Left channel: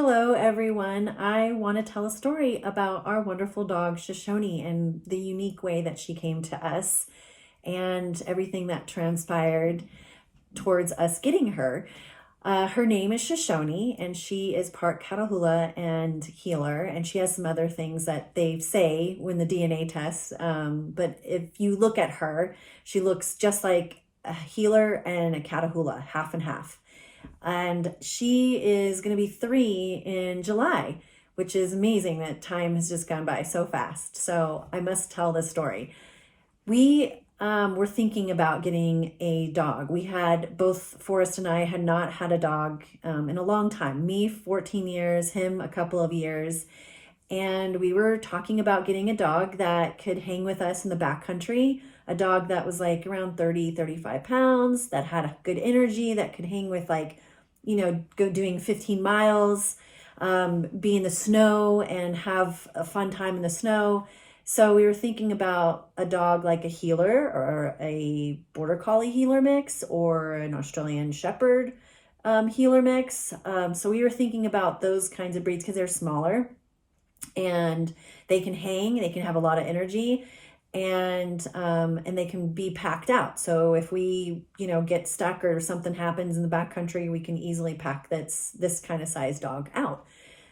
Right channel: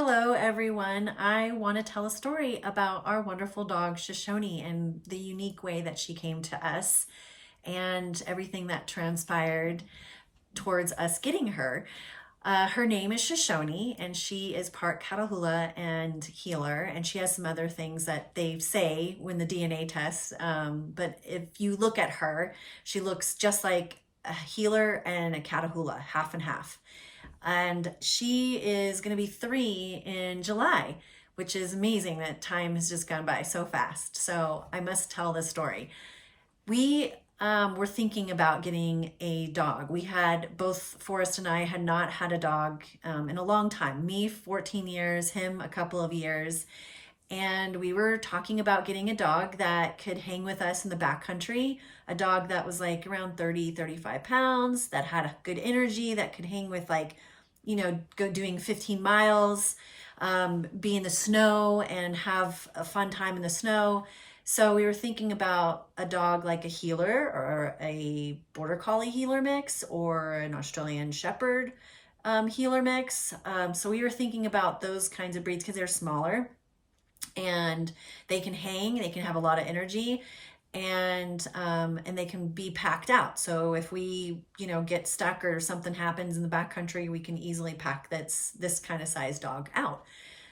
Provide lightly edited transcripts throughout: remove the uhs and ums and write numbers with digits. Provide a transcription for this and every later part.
Hello, everyone. I want to tell a story about our wonderful dog, Shoshone, and the unique way that she came to us and everything that transpired towards us getting her. Her name is Shoshone, and she is part Catahoula and Heeler, and she has some other things that they say when the DNA tests. But if you look at her, she looks just like a Heeler and a Catahoula, half and half. And she is going to be 3 in July, which is amazing that time has just gone by so fast. So I must tell this story. We were thinking about getting a dog. We had both Forrest and I had not had a dog in a long time. Me, 14 years, him a couple of years. And we were talking about getting a dog that could hang with us in the backcountry, a dog that was like around 30, 35 pounds, that had a good energy, that could hang with go doing 15 miles, be in the snow and have a fun time in the snow. So we were thinking about a dog like a Heeler or a Border Collie Heeler mix or an Australian Shepherd Heeler mix. So we were thinking about those kinds of breeds because they're smaller and they can hang, they can have a lot of energy, and they can be packed out. So if we get stuck or something happens in the backcountry, we can easily pack this kind of size dog out.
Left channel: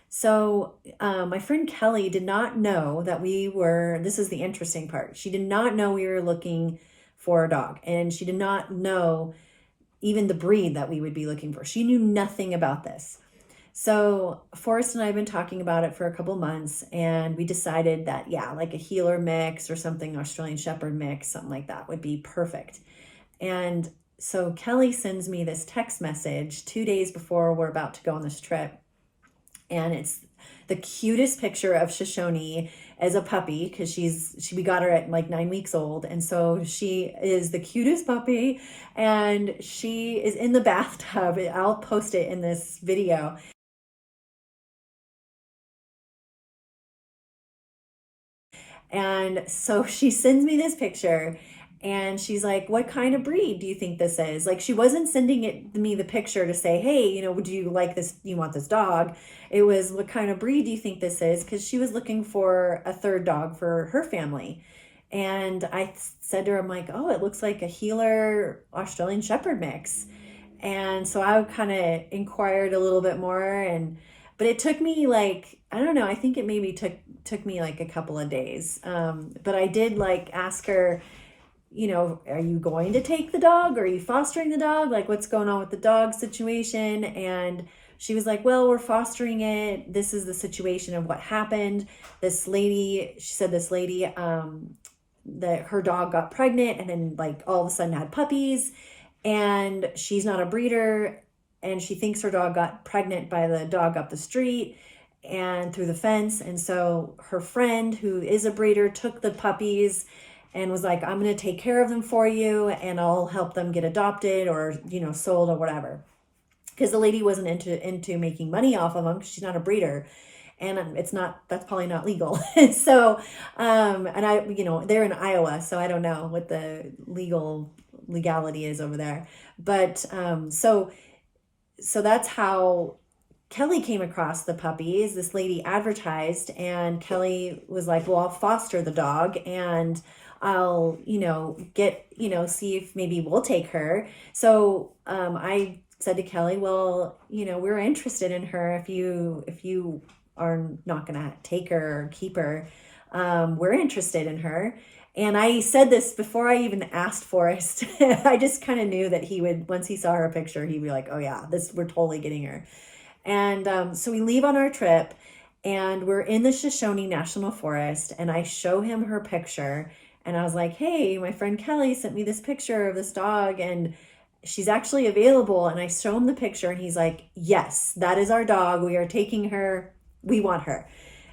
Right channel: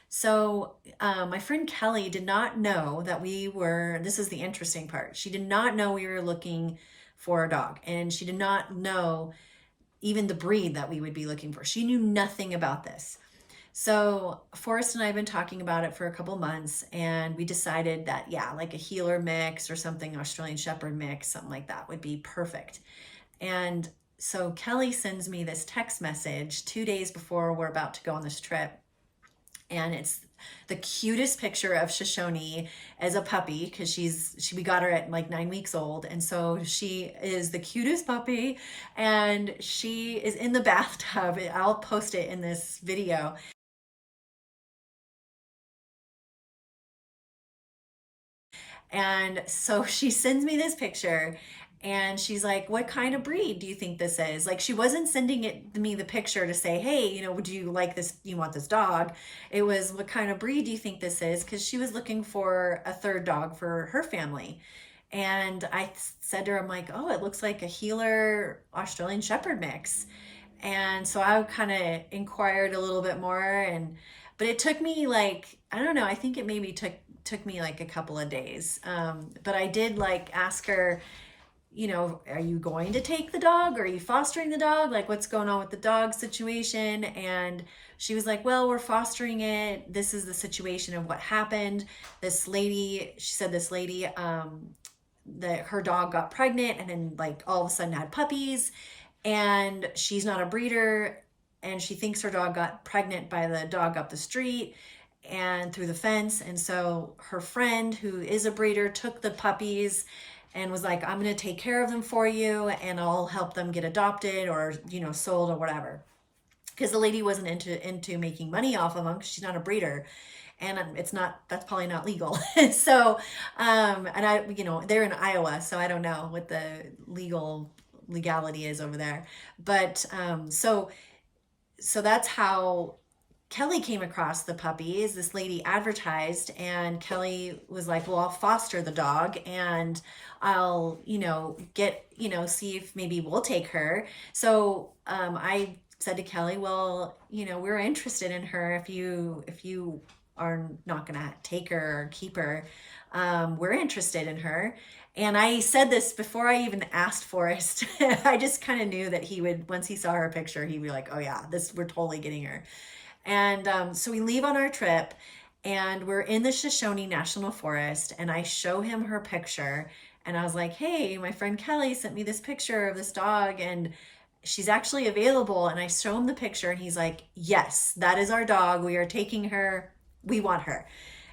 So my friend Kelly did not know that this is the interesting part, she did not know we were looking for a dog, and she did not know even the breed that we would be looking for. She knew nothing about this. So Forrest and I have been talking about it for a couple months, and we decided that, yeah, like a Heeler mix or something, Australian Shepherd mix, something like that would be perfect. And so Kelly sends me this text message 2 days before we're about to go on this trip. And it's the cutest picture of Shoshone as a puppy, because we got her at like 9 weeks old. And so she is the cutest puppy, and she is in the bathtub. I'll post it in this video. And so she sends me this picture, and she's like, what kind of breed do you think this is? Like, she wasn't sending me the picture to say, hey, would you like this? Do you want this dog? It was, what kind of breed do you think this is? Because she was looking for a third dog for her family. And I said to her, I'm like, oh, it looks like a Heeler Australian Shepherd mix. And so I kind of inquired a little bit more, but it took me like, I don't know, I think it maybe took me like a couple of days. But I did like ask her, are you going to take the dog? Are you fostering the dog? Like, what's going on with the dog situation? And she was like, well, we're fostering it. This is the situation of what happened. She said this lady, that her dog got pregnant and then like all of a sudden had puppies, and she's not a breeder, and she thinks her dog got pregnant by the dog up the street and through the fence. And so her friend, who is a breeder, took the puppies and was like, I'm going to take care of them for you, and I'll help them get adopted or sold or whatever, because the lady wasn't into making money off of them, because she's not a breeder, and that's probably not legal. So and I they're in Iowa, so I don't know what the legality is over there. But so that's how Kelly came across the puppies. This lady advertised, and Kelly was like, well, I'll foster the dog, and I'll see if maybe we'll take her. So I said to Kelly, well, we're interested in her. If you are not gonna take her or keep her, we're interested in her. And I said this before I even asked Forrest. I just kind of knew that he would, once he saw her picture, he'd be like, oh yeah, we're totally getting her. And so we leave on our trip, and we're in the Shoshone National Forest, and I show him her picture, and I was like, hey, my friend Kelly sent me this picture of this dog, and she's actually available. And I show him the picture, and he's like, yes, that is our dog. We are taking her. We want her.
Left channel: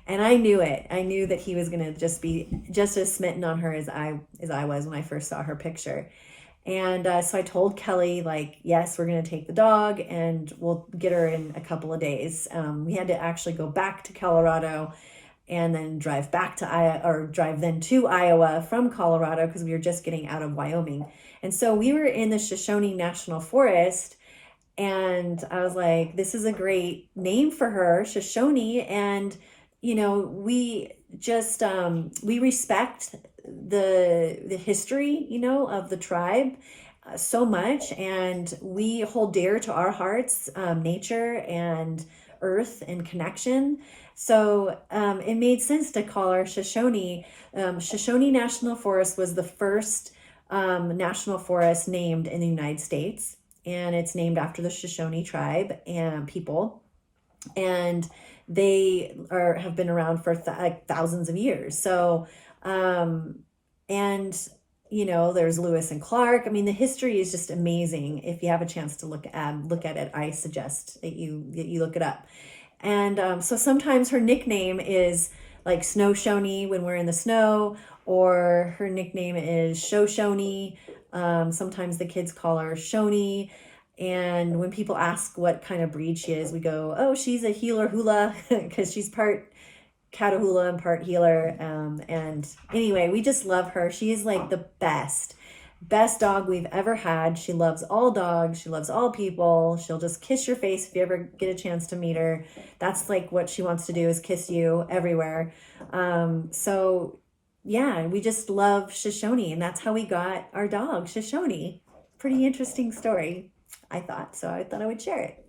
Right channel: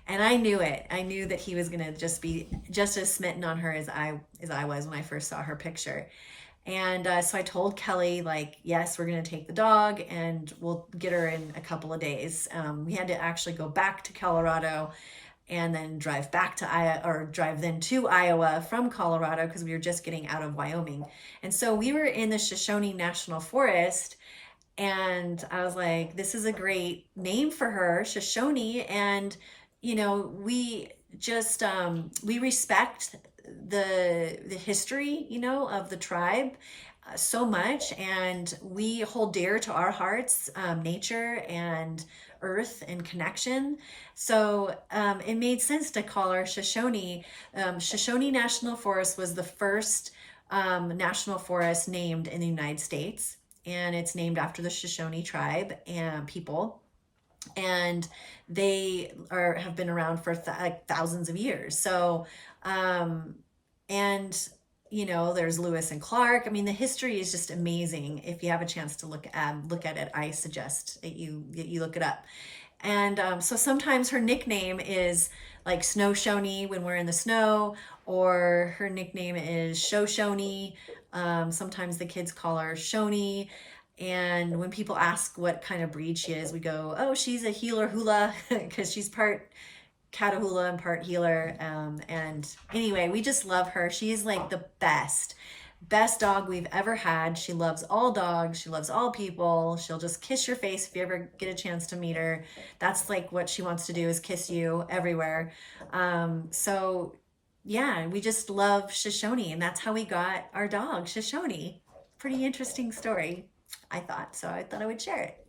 And I knew it. I knew that he was going to just be just as smitten on her as I was when I first saw her picture. And so I told Kelly, like, yes, we're going to take the dog, and we'll get her in a couple of days. We had to actually go back to Colorado and then drive then to Iowa from Colorado, because we were just getting out of Wyoming. And so we were in the Shoshone National Forest, And I was like, this is a great name for her, Shoshone. And, we just, we respect the history, of the tribe so much. And we hold dear to our hearts, nature and earth and connection. So it made sense to call her Shoshone. Shoshone National Forest was the first national forest named in the United States, and it's named after the Shoshone tribe and people. And they have been around for like thousands of years. So, and there's Lewis and Clark. I mean, the history is just amazing. If you have a chance to look at it, I suggest that you look it up. And so sometimes her nickname is like Snow Shoney when we're in the snow, or her nickname is Shoshone. Sometimes the kids call her Shoney. And when people ask what kind of breed she is, we go, oh, she's a healer hula, because she's part Catahoula and part healer. And anyway, we just love her. She is like the best dog we've ever had. She loves all dogs. She loves all people. She'll just kiss your face if you ever get a chance to meet her. That's like what she wants to do, is kiss you everywhere. So yeah, we just love Shoshone, and that's how we got our dog, Shoshone. Pretty interesting story, I thought. So I thought I would share it.